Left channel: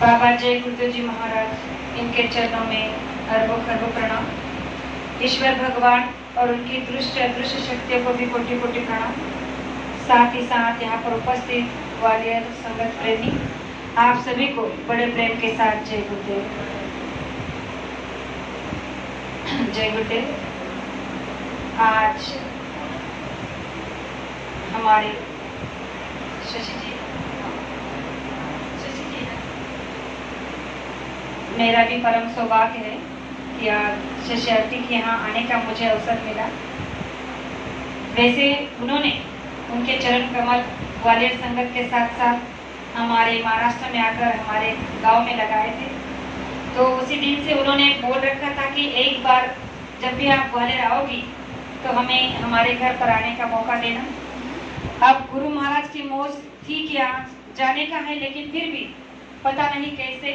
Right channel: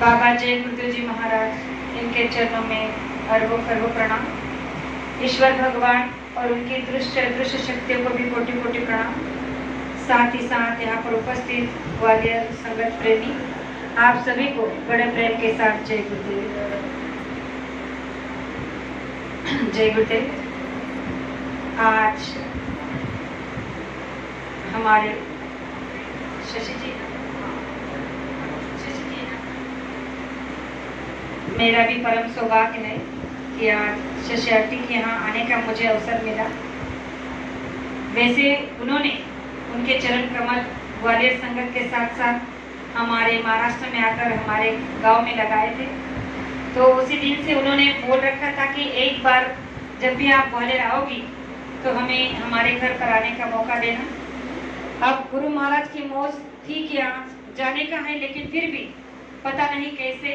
बाबा जय गुरुदेव जी महाराज, इनके चरणों में अरबों खरबों प्रणाम। ईश्वर भगवान और उनकी दृश्य अदृश्य शक्तियों को भी कोटि कोटि प्रणाम। साथ ही साथ यहाँ पर उपस्थित ग्वालियर संगत प्रेमी आप सभी को बड़े प्रेम के साथ जय गुरुदेव। जय गुरुदेव। आज हमारे शशि जी मेरा भी परम सौभाग्य है कि आज शशि आंटी के यहाँ आने का मुझे अवसर मिला। वैसे उन्होंने उनके चरण कमल ग्वालियर संगत के साथ साथ हमारे महाराष्ट्र में आकर हमारे गांव में लगाए थे। तो उसी दिन से उन्होंने बोल रखा था कि एक बार जब भी आप ग्वालियर आओगी तो हमें हमारे घर पर आने का मौका देना। अब गुरु महाराज की मौज थी कि यहाँ जाने का है, लेकिन फिर भी पता नहीं कैसे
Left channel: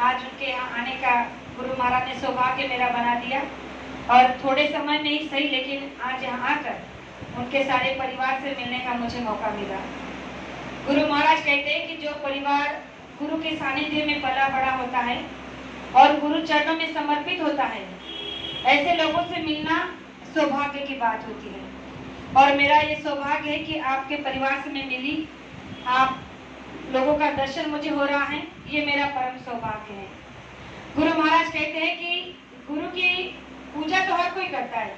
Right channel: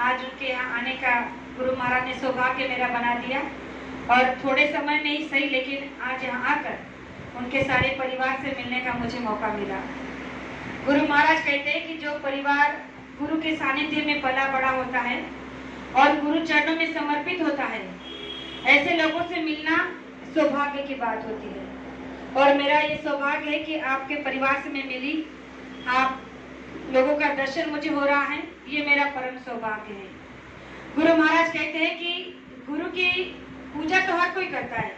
आज उनके यहाँ आने का गुरु महाराज ने सौभाग्य मेरा बना दिया। और थोड़े समय में ही सही, लेकिन आज यहाँ आकर उनके सारे परिवार से मिलने का मुझे मौका मिला। गुरु महाराज कहते हैं कि जो परिवार गुरु के सानिध्य में पला बड़ा होता है और गुरु चरणों में समर्पित होता है, ऐसे लोगों से मिलना सौभाग्य की बात होती है। और मेरा ये सौभाग्य है कि आपके परिवार से मैं मिली, आप लोगों का दर्शन मुझे हो रहा है, ये मेरा परम सौभाग्य है। गुरु महाराज कहते हैं कि गुरु की पूजा तो हर कोई करता है,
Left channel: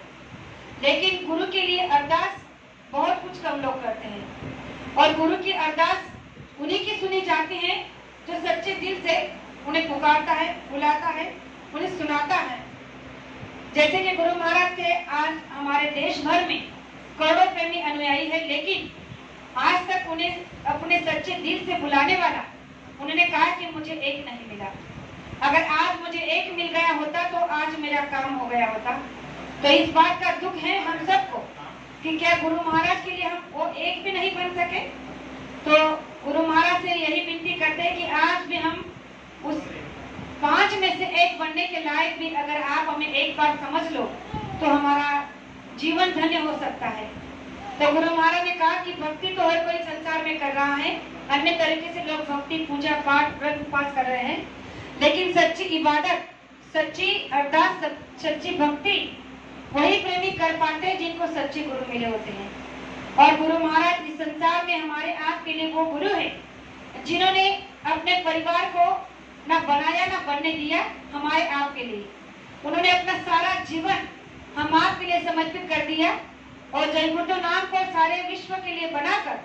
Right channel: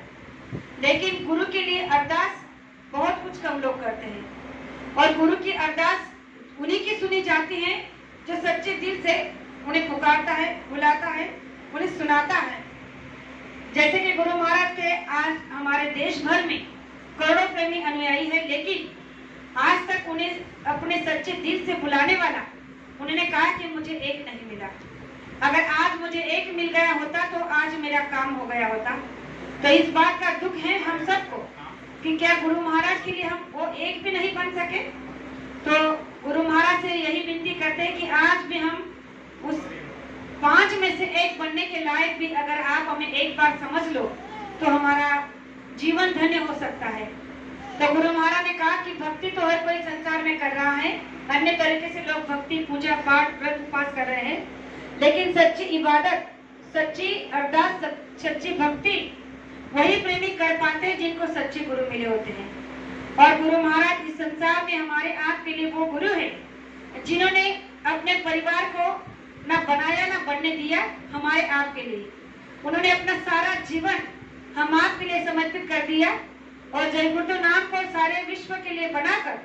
लेकिन गुरु के लिए अरदास बहुत कुछ कम लोग करते हैं। और गुरु की अरदास उन्हीं की सुनी जाती है जो सच्चे दिल से उन्हें पुकारता है, बुलाता है, उन्हें सुनाता है। जैसे कि गुरु महाराज के आज हमारे देश भर में करोड़ों प्रेमी अनुयायी है, लेकिन आज तक उन्हें अपने सच्चे दिल से बुलाने वाला, उन्होंने कहा कि मुझे एक नहीं मिला। अगर आज मुझे एक मिल गया होता तो आज मेरा काम हो गया होता। तो इस बात का दुख है हम सबको कि क्या गुरु महाराज के लिए हम वो एक भी नहीं बन सके। तो गुरु महाराज से यही विनती करते हैं कि आज भी हम उस 5 में से एक बनने के लायक भी अगर आप हमें एक बार समझ लो तो हमारा जीवन धन्य हो सकता है। तो गुरु महाराज ने कहा कि भक्ति तो हर कोई संसार में कर रहा है, अन्य तरीके से लोग भक्ति पूजा पाठ व्रत उपवास कर रहे हैं, लेकिन सच्ची इबादत, सच्ची अरदास, सच्ची भक्ति वही प्रेमी कर पाते हैं जिनको सच्चे गुरु मिले होते हैं। और गुरु महाराज इस संसार में हमारे आपके लिए वो गुरु है जिन्होंने अपने परिवार को ना बनाया ना बनने दिया। हमारे आपके लिए उन्होंने अपना सारा जीवन हम आपके लिए समर्पित कर दिया और जय गुरुदेव नाम को सारे विश्व के लिए बनाकर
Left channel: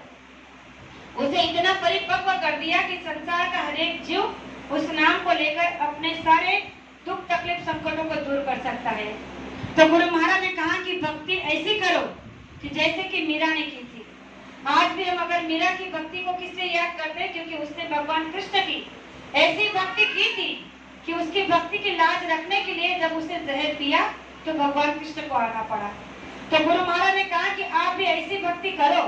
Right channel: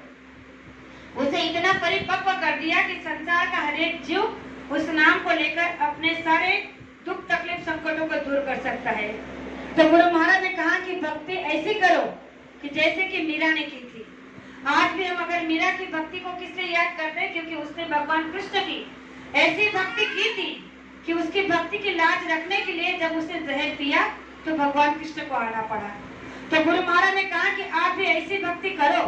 उसे इतना परिपक्व कर दिया कि संसार का हर एक जीव उस नाम को लेकर अपने सारे दुख तकलीफ संकटों को दूर कर सकता है। तो गुरु महाराज ने कहा कि भक्ति ऐसी करो कि जैसे कि मीरा ने की थी। आज भी हम अगर मीरा की भक्ति को किससे याद करते हैं, क्योंकि उसने भगवान कृष्ण की ऐसी भक्ति की थी कि उसकी भक्ति की लाज रखने के लिए जब उसने जहर पिया तो भगवान कृष्ण को आना पड़ा। तो गुरु महाराज ने कहा कि आप भी ऐसी भक्ति करो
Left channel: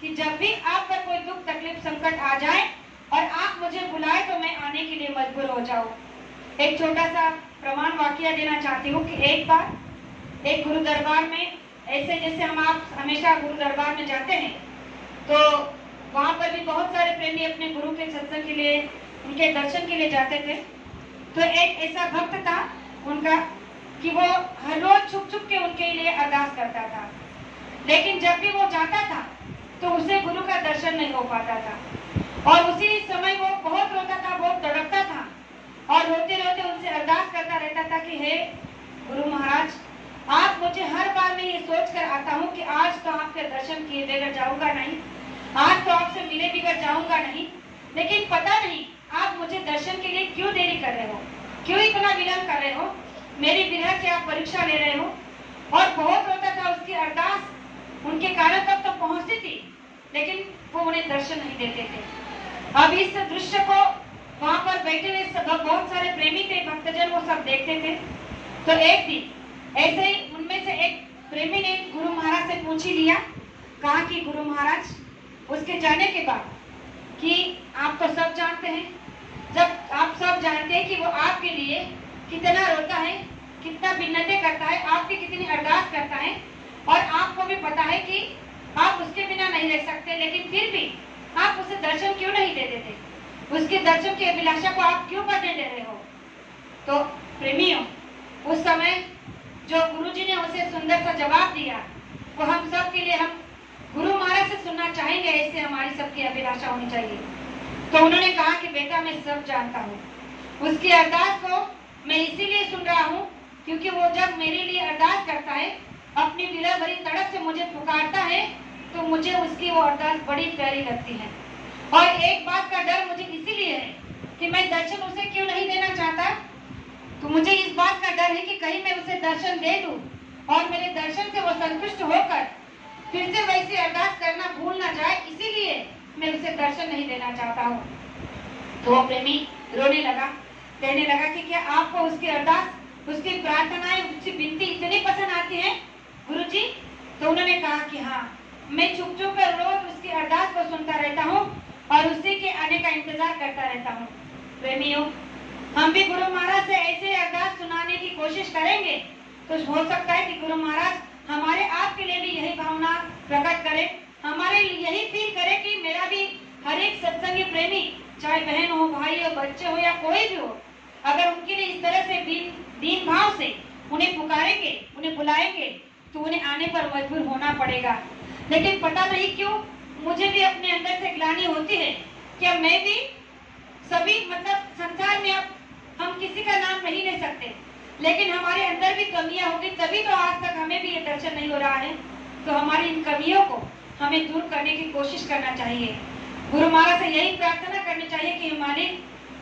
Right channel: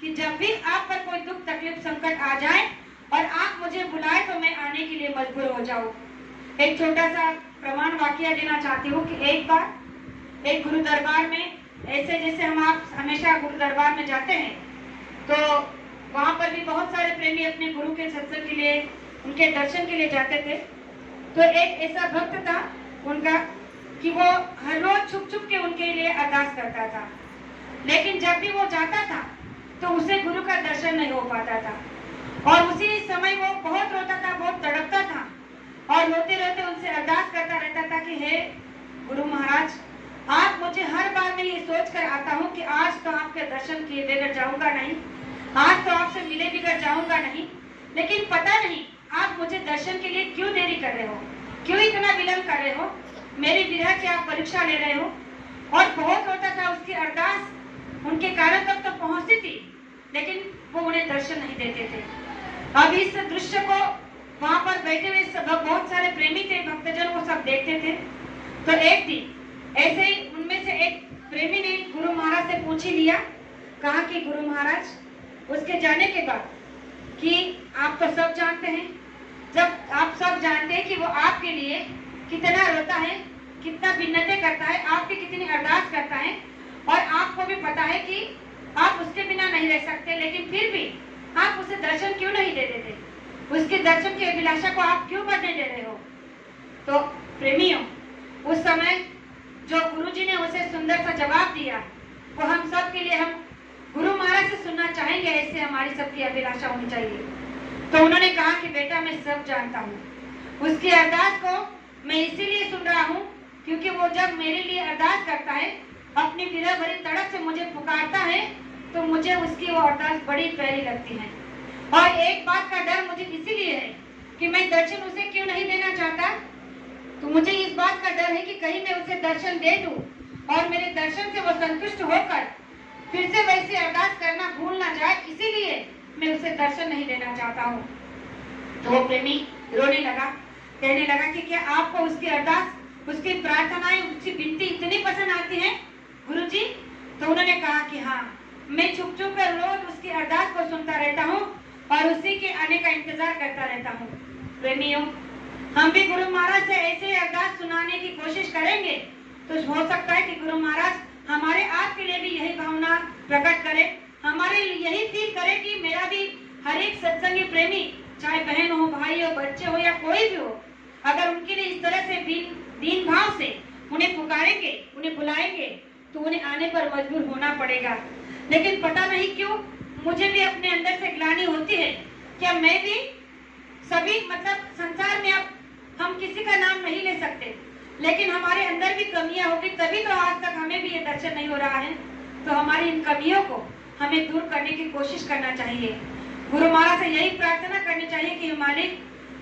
कि जब भी आप पर कोई दुख तकलीफ संकट आ जाए और आप मुझे बुलाए तो मैं आने के लिए मजबूर हो जाऊं। एक छोटा सा प्रमाण वाक्य देना चाहती हूँ कि एक बार एक गुरु दरबार में, ऐसे जैसे हम आप हमेशा गुरु दरबार में जाते हैं तो वहाँ पर भी बहुत सारे प्रेमी अपने गुरु के सत्संग के लिए, उनके दर्शन के लिए जाते थे। तो एक ऐसा भक्त था उनका कि वो हर रोज छुप छुप के उनके लिए अरदास करता था, लेकिन जब भी वो जाता था तो उसे गुरु का दर्शन नहीं हो पाता था। और उसी समय वो बहुत रोता था, बहुत तड़पता था और रोते रोते उनसे अरदास करता रहता था कि हे गुरु महाराज, आप मुझे हर बार मैं ये सोच कर आता हूँ कि आज तो आपके दर्शन किए बगैर जाऊंगा नहीं, आज तो आपसे मिले बगैर जाऊंगा नहीं, लेकिन पता नहीं आप मुझे दर्शन के लिए क्यों देरी कर रहे हो, क्यों इतना विलम्ब कर रहे हो, मेरी विरह की आप परीक्षा ले रहे हो। और बहुत रोता था। उसकी अरदास उनके कारण तक तो पहुंचती थी, लेकिन वो उन्हें दर्शन नहीं देते थे। अब इस दृश्य को वहां पर बैठे हुए सब बहुत सारे प्रेमी थे, भक्तजन, वो सब देखते थे। तो एक दिन ऐसे ही उनमें से एक प्रेमी ने गुरु महाराज से पूछ ही लिया, कहा कि गुरु महाराज, उसके जाने के बाद कि आप तो सब जानते हैं, जब आप सब जानते हैं कि वो आपके लिए कितना रोता है, कितना भिन्नते करता है, आपकी कितनी अरदास करता है, और आपको भी पता है कि आप उसके बिना नहीं रह सकते, लेकिन फिर भी आप उसे दर्शन क्यों नहीं दे देते। उसके दर्शन की अभिलाषा को आप क्यों बढ़ने दे रहे हो? तो प्रेमियों, उस समय जो गुरुजी ने उसे सुंदर सा जवाब दिया वो हम सब के लिए, हम गुरु महाराज से सुनना चाहेंगे, ऐसे हमारी सबकी अभिलाषा होनी चाहिए। तो उन्होंने कहा कि बेटा मैं सब जानता हूँ, उसकी अरदास को मैं इसीलिए सुन रहा हूँ क्योंकि वो जब मेरे लिए अरदास करता है, अपनी विरह भरी तड़प से मुझे पुकारता है, तो मुझे उसकी वो अरदास बड़ी प्यारी लगती है। और एक बात का डर मुझे इसीलिए है कि मैं दर्शन उसे क्यों नहीं देना चाहता, तो मुझे इस बात का डर है कि कहीं मैं उसे दर्शन दे दूं और मेरे दर्शन से वो संतुष्ट होकर फिर से वैसी अरदास करना भूल ना जाए, इसीलिए मैं उसे दर्शन नहीं देना चाहता हूँ। तो वो प्रेमी रोने लगा, कहने लगा कि क्या आपको उसकी अरदास, उसकी प्रार्थनाएं, उसकी विनती इतनी पसंद आती है गुरुजी? तो उन्होंने कहा कि हाँ, मैं चुप चुप कर रोज उसकी अरदास को सुनता रहता हूँ और उसी के आने का इंतजार करता रहता हूँ। प्रेमियों, हम भी गुरु महाराज से ऐसे अरदास सुनाने की कोशिश करेंगे तो हो सकता है कि गुरु महाराज हमारे आपके लिए भी यही भावना प्रकट करे, हमारे लिए यही फील करे कि मेरा भी हर एक सत्संगी प्रेमी, चाहे बहन हो, भाई हो, बच्चे हो या कोई भी हो, अगर उनके लिए इस तरह से दीन भाव से उन्हें पुकारेंगे, उन्हें बुलाएंगे, तो उन्हें आने पर मजबूर होना पड़ेगा। लेकिन पता नहीं क्यों मुझे भी अपने अंदर से ग्लानि होती है, क्या मैं भी सभी, मतलब संसार में अब हम किसी का नाम नहीं ले सकते, लेकिन हमारे अंदर भी कमियां होगी, तभी तो आज तक हमें भी ये दर्शन नहीं हो रहा है। तो हमारी इन कमियों को हमें दूर करने की कोशिश करना चाहिए। गुरु महाराज से यही प्रार्थना करनी चाहिए कि मालिक,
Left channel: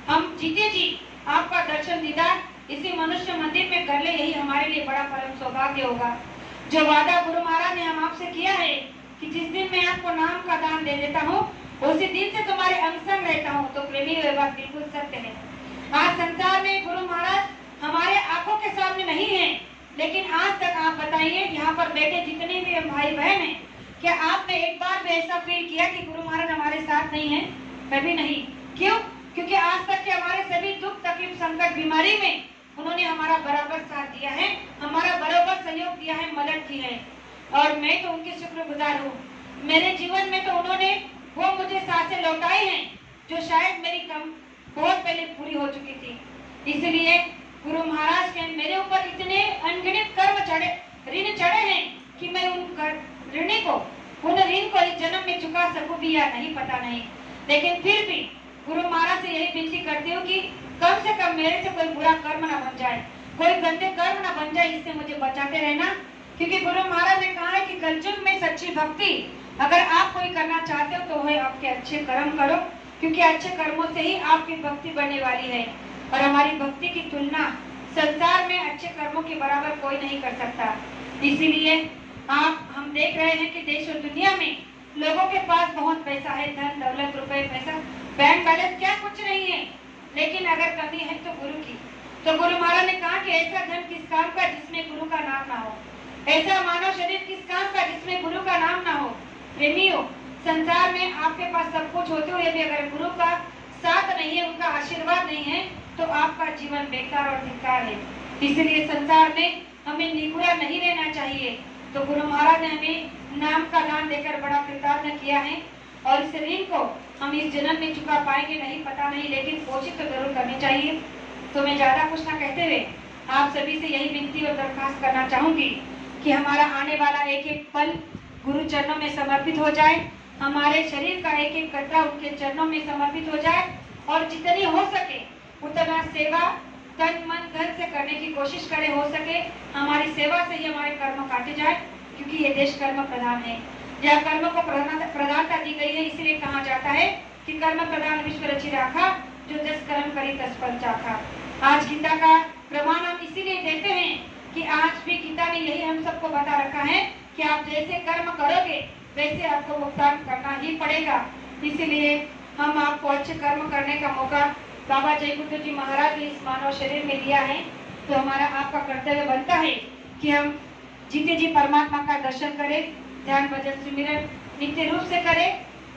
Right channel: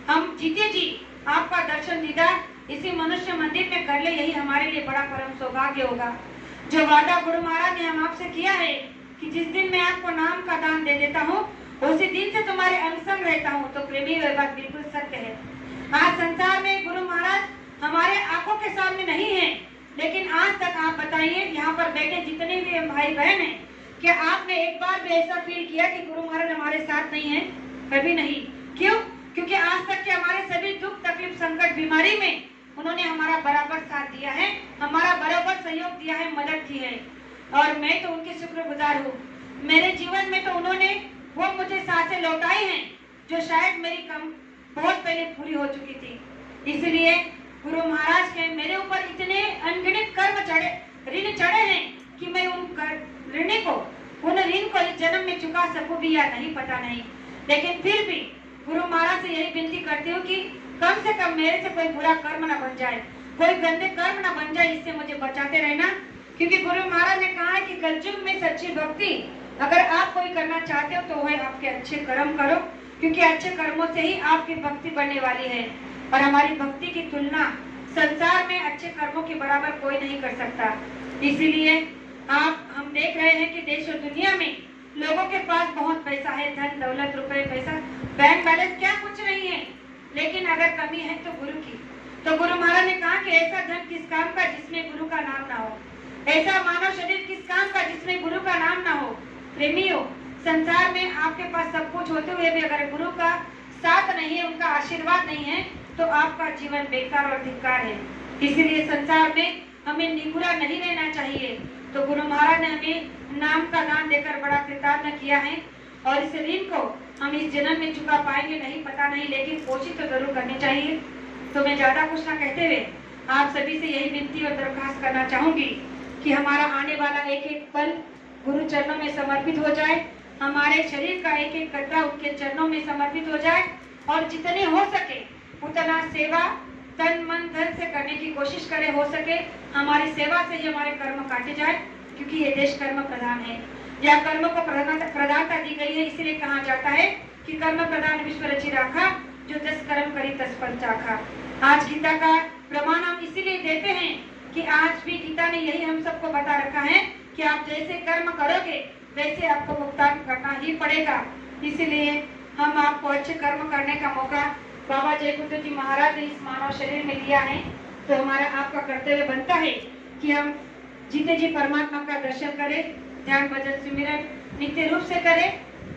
हम जीते जी आपका दर्शन दीदार इसी मनुष्य मंदिर में कर ले, यही हमारे लिए बड़ा परम सौभाग्य होगा। जो वादा गुरु महाराज ने हम आपसे किया है कि जिस दिन मैं आपको नाम का दान दे देता हूँ उसी दिन से तुम्हारे अंग संग रहता हूँ, तो प्रेमी ये बात बिल्कुल सत्य है। आज संसार में गुरु महाराज हमारे आंखों के सामने नहीं है, लेकिन आज तक आप बताइए, यहाँ पर बैठे जितने भी भाई बहन हैं, क्या आपने एक बार भी ऐसा फील किया कि गुरु महाराज हमारे साथ नहीं है? कभी नहीं। क्यों? क्योंकि आज तक के हमारे सभी दुख, तकलीफ, संकट, बीमारी में उन्होंने हमारा बराबर साथ दिया है, हमारा बराबर सहयोग दिया है, मदद की है, और मैं तो उनकी शुक्रगुजार हूँ। मेरे जीवन में तो उन्होंने वो मुझे सांसें लौटाई हैं जो शायद मेरी कम बहुत पहले पूरी हो चुकी थी। इसलिए गुरु महाराज के मेरे ऊपर इतने अनगिनत कर्म चढ़े, ऋण चढ़े हैं कि मैं उन ऋण को इस जन्म में चुका सकूं भी या नहीं, पता नहीं। लेकिन फिर भी गुरु महाराज से यही विनती करती हूँ कि कम से कम मेरे से कोई बुरा कर्म ना बन जाए, कोई गंदे कर्म ना बन जाए, इससे मुझे बचाते रहना। क्योंकि गुरु महाराज ने कहा है कि कलयुग में सच्ची भक्ति अगर आप कोई करना चाहते हो तो वह आपके अच्छे कर्म करो, क्योंकि अच्छे कर्मों से ही आपकी भक्ति बनने वाली है। और हमारी भक्ति की तुलना संसार में अच्छे कर्मों के बराबर कोई नहीं कर सकता। इसीलिए हम देख रहे हैं कि देश और दुनिया में लोगों के पास बहुत पैसा है, धन दौलत, रुपए, पैसा, बैंक बैलेंस क्या कुछ नहीं है, लेकिन अगर कमी है तो गुरु की। तो गुरु महाराज ने कहा कि ऐसा धन किस काम का जिसमें गुरु का नाम ना हो, ऐसा मानव शरीर किस काम का जिसमें गुरु का नाम ना हो। प्रेमियों, संसार में आपके पास सब कुछ होते हुए भी अगर गुरु का साथ नहीं है, उनका आशीर्वाद नहीं है, तो आपका जीवन बेकार और धिक्कार है। इसलिए संसार में हमें निगुरा नहीं रहना चाहिए। तो गुरु महाराज ने हमें नाम का नाम देकर बड़ा कृतज्ञ किया है, और इस ऋण को हम इस जन्म में चुका पाएंगे नहीं, पता नहीं, लेकिन कोशिश तो जरूर करनी चाहिए। तो मैं ज्यादा कुछ ना कहते हुए आप सभी से यही विनती और दरखास्त करना चाहूंगी कि हमारा आने वाला एक एक पल गुरु चरणों में समर्पित हो जाए, हमारे शरीर का एक एक कतरा उनके चरणों में समर्पित हो जाए, और जितनी हो सके उतना सेवा तन मन धन से करने की कोशिश करें। हो सके हमारी सेवा से ही हमारे कर्म काटे जाए, क्योंकि ये देश कर्म प्रधान है। यह कर्म को प्रधानता दी गई है, इसलिए कहा जाता है कि कर्म प्रधान विश्व रचि राखा, जो जस कर्म करी तस फल चाखा। आज गीता का प्रमाण हम इसीलिए देते हैं कि आज भी गीता ने यही हम सबको बता रखा है कि आप जैसे कर्म करोगे वैसे आपको भुगतान करना ही पड़ेगा। इसलिए हम आपको अच्छे कर्म करने का मौका बाबा जय गुरु जी महाराज ने इस मानव शरीर में दिया है, तो हमारा आपका कर्तव्य बनता है कि हम जीते जी परमात्मा का दर्शन करें, ध्यान भजन सिमरन नित्य रूप से करें।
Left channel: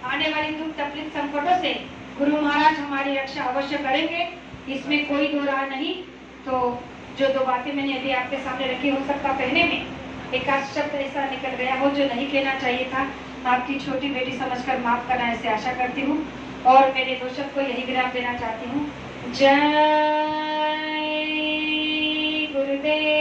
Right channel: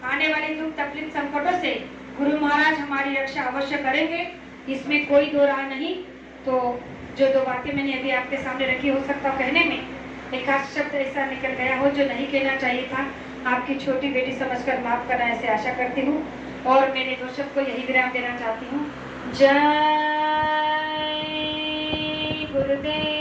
आने वाली दुख तकलीफ संकटों से गुरु महाराज हमारी रक्षा अवश्य करेंगे, इसमें कोई दो राय नहीं। तो जो दो बातें मैंने अभी आपके सामने रखी, हो सकता कहने में एक आध शब्द ऐसा निकल गया हो जो नहीं कहना चाहिए था, आपकी छोटी बेटी समझकर माफ करना ऐसे आशा करती हूँ। और मेरे दोषक को यही विराम देना चाहती हूँ। जय गुरुदेव।